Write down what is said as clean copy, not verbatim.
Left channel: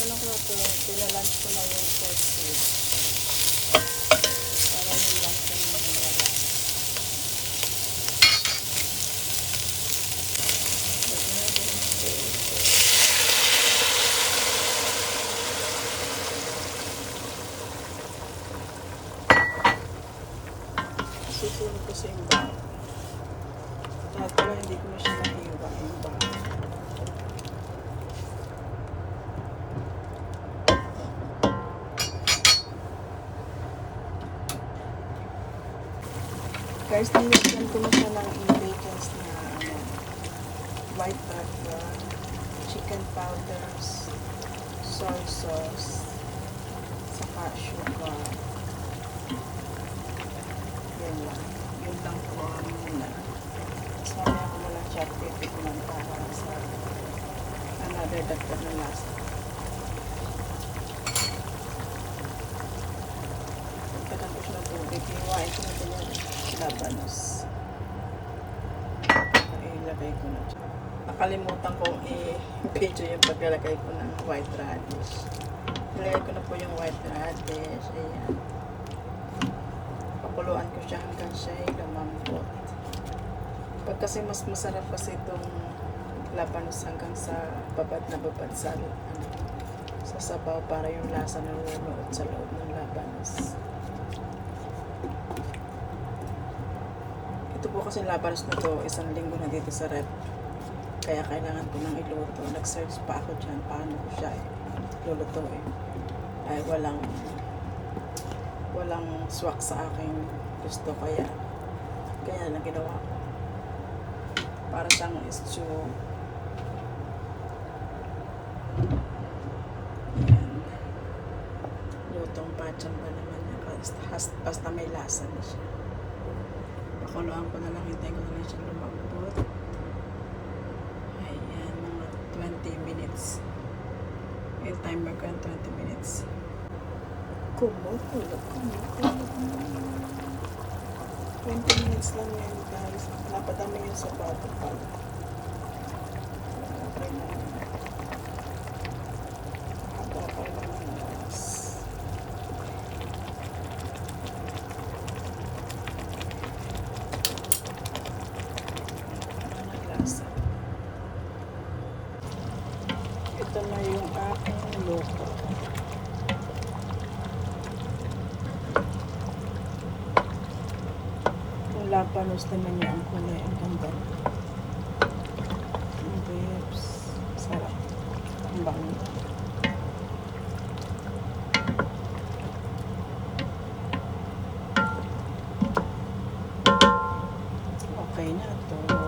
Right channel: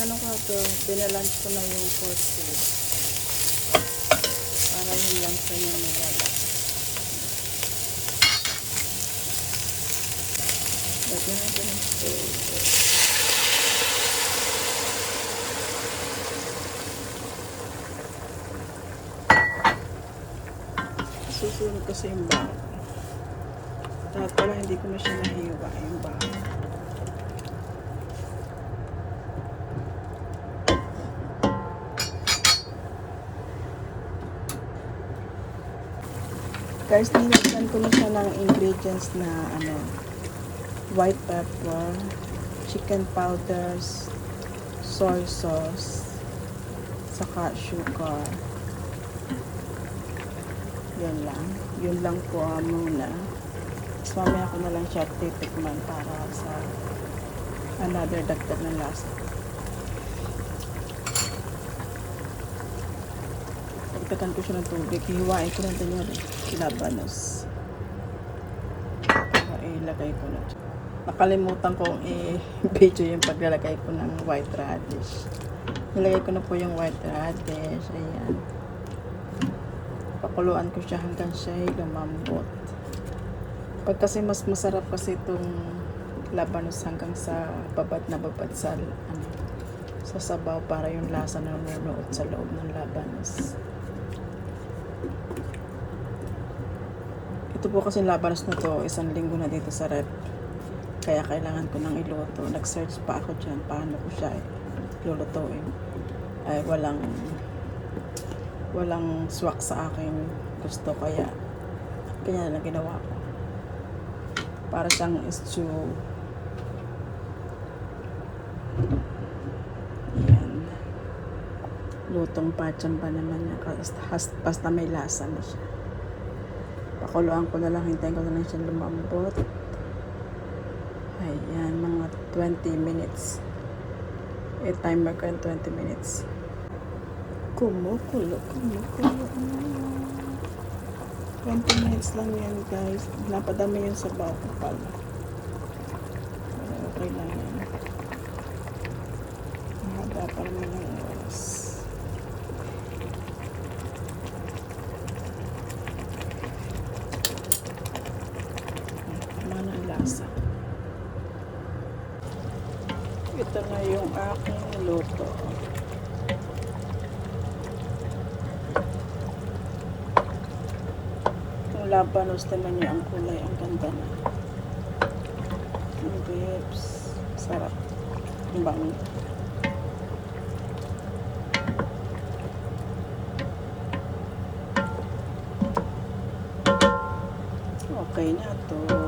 Ano ko ito, pinalunch ko lang ito. Susunod kasi yung dahil pala hindi ko na siya nahiwa. Guys, nilagyan ko na siya ng ingredients na white pepper, chicken powders, soy sauce, saka sugar. Yan lang. Yun lang po muna. Tapos mamaya ko na lang siya titikman sa another dagdag na lasa. Pagkatan ko siya ng tubig, hiwain ko lang din yan. Labanos. Ilagay ko na siya. Nakalimutan ko i-video yung paglalagay ko ng white radish. Nilagay ko na po yung white radish. Ayan. Pakuluan ko siya hanggang siya lumambot. Pag kasi mas masarap kasi itong labanos hanggang sa babad na babad sa sabaw para yung lasa na lumulot sa loob ng labanos. Ito po kasi labanos na to, 1 linggo na dito sa rep. Kaya kailangan ko nang iluto. Nag-search pa ako dyan paano ko siya lulutuin. Ay walang swak sa akin gusto, kaya na ginawa ko. Para siyang stew. Ayan. Lutong pacham pa naman niya. Basta may lasa na siya. Pakuluan ko na lang, hintayin ko na lang siya lumambot. Ayan, mga 20 minutes. Timer ko yung 20 minutes. Kumukulo. 20 minutes lang yan, guys. Napadami yan sa bata. Ito na yung aking luto. Yung labanos naman niya ang kulay. Ang ganda na. Yung grapes. Sarap. Ang bango. Okay na ito.